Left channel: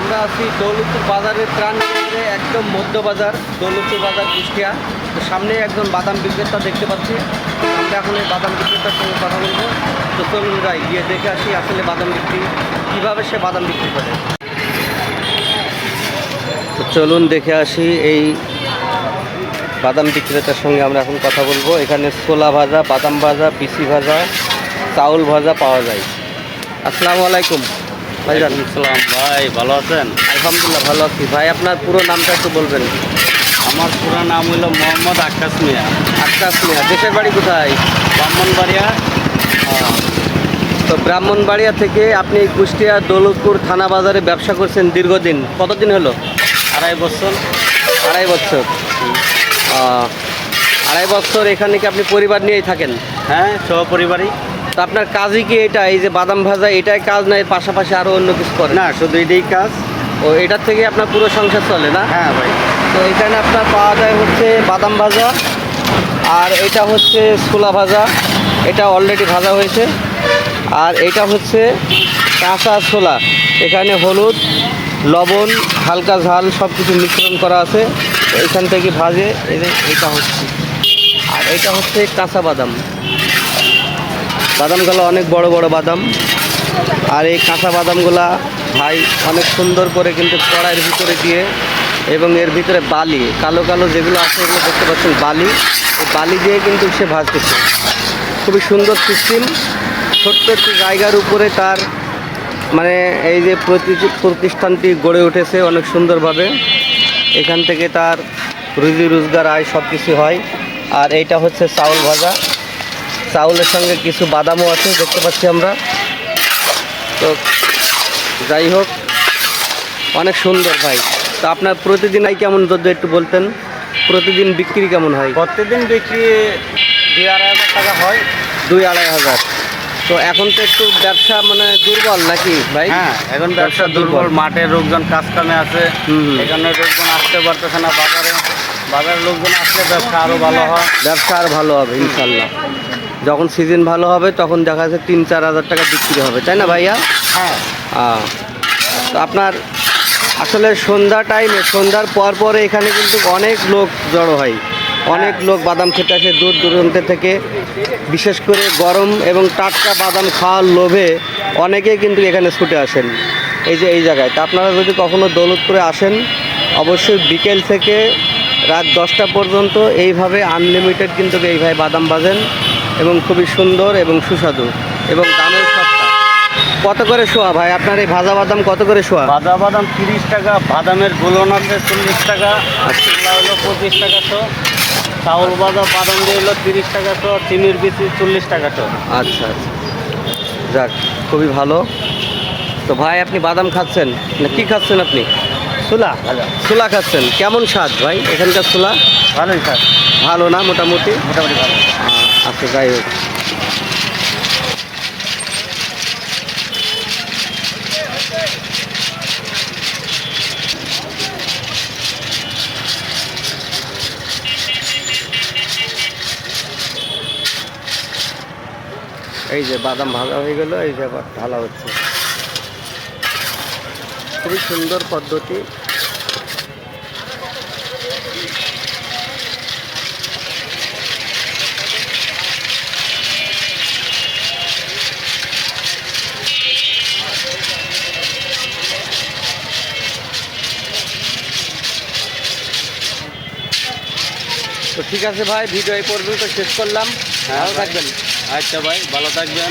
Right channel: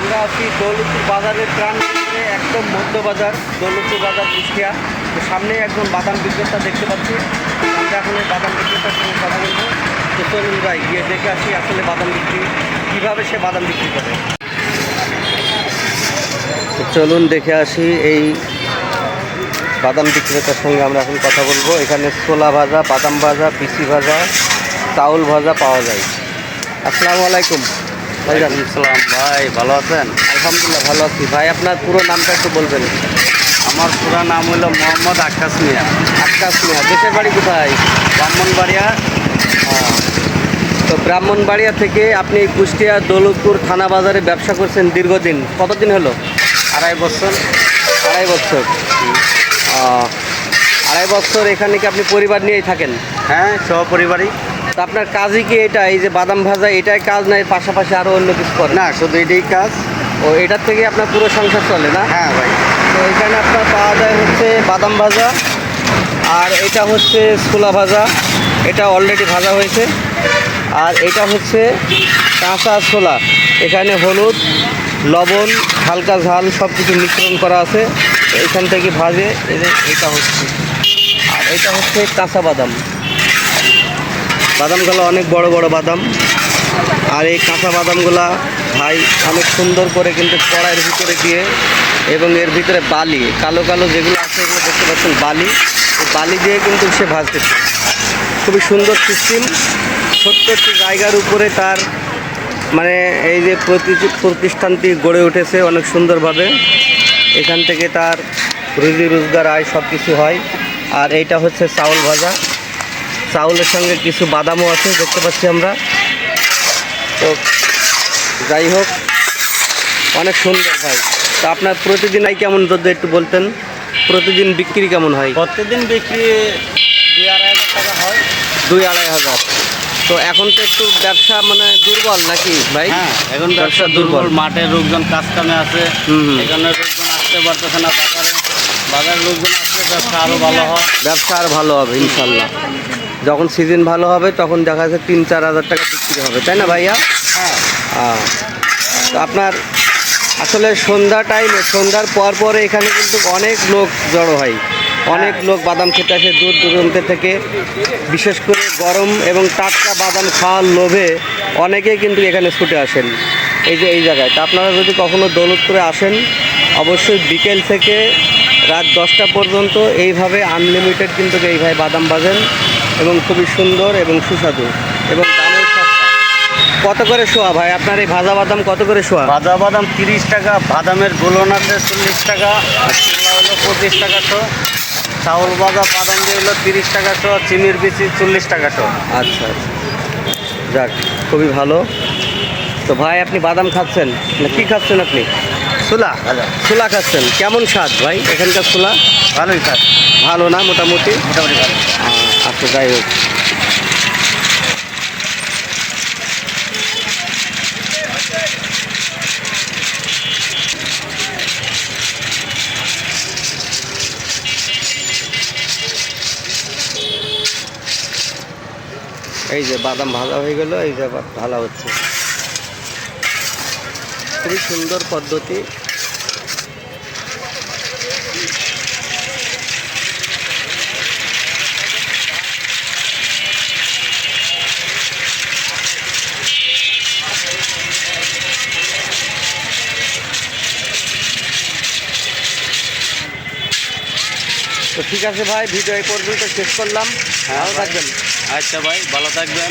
আমরা আছি দৌলতপুর বাজারের প্রাণ একদম মধ্য বাজার, দৌলতপুর বাজার কুষ্টিয়া। তো সামনে একজন বাদাম বিক্রেতা দেখতে পাচ্ছি। আমরা এখন এই বাদাম বিক্রেতার সঙ্গে কথা বলব। তো চলুন যাই, গিয়ে দেখে আসি আসলে বাদাম বিক্রি, কীভাবে সে বাদাম বিক্রি করে। তো চলুন দেখে আসি, এই বাদাম বিক্রেতার সঙ্গে আমরা এখন কথা বলব। এখানে ছোলা ভাজা, বাদাম ভাজা, পিসি ভাজা, চাউল ভাজা পাওয়া যায়। আসসালামু আলাইকুম। ভাইজান সালাম ভাই ভালো আছেন? আলহামদুলিল্লাহ ভালো আছি। ভাই আপনার পুরো নামটা একটু বলবেন। আমার পুরা নাম হলো মোহাম্মদ আকাশ মিয়া। আকাশ মিয়া দেশের বাড়ি কোথায়? ব্রাহ্মণবাড়িয়া। তো ব্রাহ্মণবাড়িয়া থেকে আপনি কুষ্টিয়া দৌলতপুর থানা বাজারে ব্যবসা করছেন দীর্ঘদিন। কতদিন হলো? আড়াই বছর। আড়াই বছর। আড়াই বছর এখানে কি আপনি পরিবার নিয়েই থাকেন? হ্যাঁ সহপরিবারই। তো আপনার কাজই কি এটা? এই যে বাদাম ভাজা এটাই কাজ না এর পাশাপাশি আরও অন্য কিছু করে না শুধু এটাই কাজ। ও এটার থেকে আপনার পুরো সংসার চলে না? হ্যাঁ ভাই। তো এখানে আপনার পাওয়া যায় হচ্ছে বাদাম ভাজা আর এটা হচ্ছে ছোলা ভাজা এটা অলরেডি ভাজা হয়েছে। আর এটা হচ্ছে কাঁচা ছোলা এখানে হলুদ লবণ হালকা ঝাল সব কিছু মিশ্রণ করা আছে। এখান থেকে ভাজে এই যে এটা হচ্ছে। আর এটা হচ্ছে কাঁচা বাদাম। বাদামগুলো অনেক বড় বড় বাদাম। আর এই কাঁচা বাদামগুলা ভাই অনেক সুন্দর করে কিন্তু কড়াইয়ের ভিতরে দিয়ে এবং এর ভিতরে বালি, কালো কালো যেগুলো আছে এগুলো দেখতে পাচ্ছেন বালি। বালি দিয়ে কিন্তু সে ভাজতেছে। খুবই সুন্দর সিস্টেম। ছোট্ট একটি জায়গার উপরে তার মানে এই যে প্রতি- প্রতিষ্ঠানটি গড়ে উঠেছে অনেক সুন্দরভাবে। এখান থেকে তার রুজি রোজগার আয় সব কিছু হয়। আর এইটা হচ্ছে চাউল ভাজা। চাউলের সঙ্গে কিছু বাদামও আছে দেখতে পাচ্ছি আমরা। তো যাই হোক অনেক সুন্দর ভাই। তো আপনার প্রতিদিন আই কেমন যদি একটু বলতেন? প্রতিদিন বিক্রি কেমন হয়? প্রতিদিন বিক্রি দুই আড়াই হাজার টাকা হয়। দুই আড়াই হাজার। তো এখন তো একটু ব্যবসা মানে দুর্বল নাকি ভাই? হ্যাঁ এখন ব্যবসা দুর্বল। মাঠে লোকজন কাজ কামে আছে। এখানে লোকজন আসতে পারতেছে না বাজারে। বাজারের লোকজন আসলে ব্যবসা আরও ভালো হয়। ব্যবসা আর ভালো হবে ইনশাল্লাহ। যখন সিজন ভালো হবে তখন দেখা যাচ্ছে তিন চার হাজার টাকা বিক্রি হবে। তাই না ভাইয়া? হ্যাঁ। তো আপনার আসলে সন্ধ্যা টাইমে সন্ধ্যার পর পরে এখানে কিন্তু অনেক লোক জড়ো হয়। অনেক লোক বাদাম খেতে আসে দূর দূরান্ত থেকে। বিশেষ করে গরম এবং টাটকা বাদাম খাওয়ার লোভে অনেকেই কিন্তু এখানে ছুটে আসেন। এই যে এই জায়গায়। তা আপনারা যদি কখনো দৌলতপুরে আসেন অবশ্যই বিকেল থেকে রাত দশটা পর্যন্ত এইভাবে আনলিমিটেড কিন্তু এইভাবে বাদাম বাজেন এবং খুবই সুন্দর এবং সুস্বাদু এবং দামের সস্তা। কত করে শোয়া ভাই? আপনার এই ভাজা বাদাম কত করে শোয়া? ভাজা বাদাম তিরিশ টাকা বাদামের গোলন আছে চল্লিশ টাকা আর ছোলা হলো পঁচিশ টাকা শো চাউল ভাজা বাদাম দিয়ে হলো তিরিশ টাকা শো চিনির বিচি চল্লিশ টাকা শো। আচ্ছা আচ্ছা। যাক খুবই ভালো। তো ভাই আপনি বাদাম খাচ্ছেন? না কী খাচ্ছেন আপনি? ছোলা। ছোলা খাচ্ছেন। কেমন স্বাদ ভাই? এখানকার ছোলা? ভালোই স্বাদ। ভালো না মোটামুটি? মোটামুটি ভালো। আচ্ছা যাই হোক। এই যে বাদাম ভাজা হয়ে গেল, এই যে ঢালা হচ্ছে। খুবই সুন্দর পদ্ধতি। তো ঠিক আছে ভাই ভিডিও এই পর্যন্ত শেষ করলাম। হ্যাঁ ভালো ভাই। থাকবেন। আচ্ছা ভাই ভালো থাকবেন।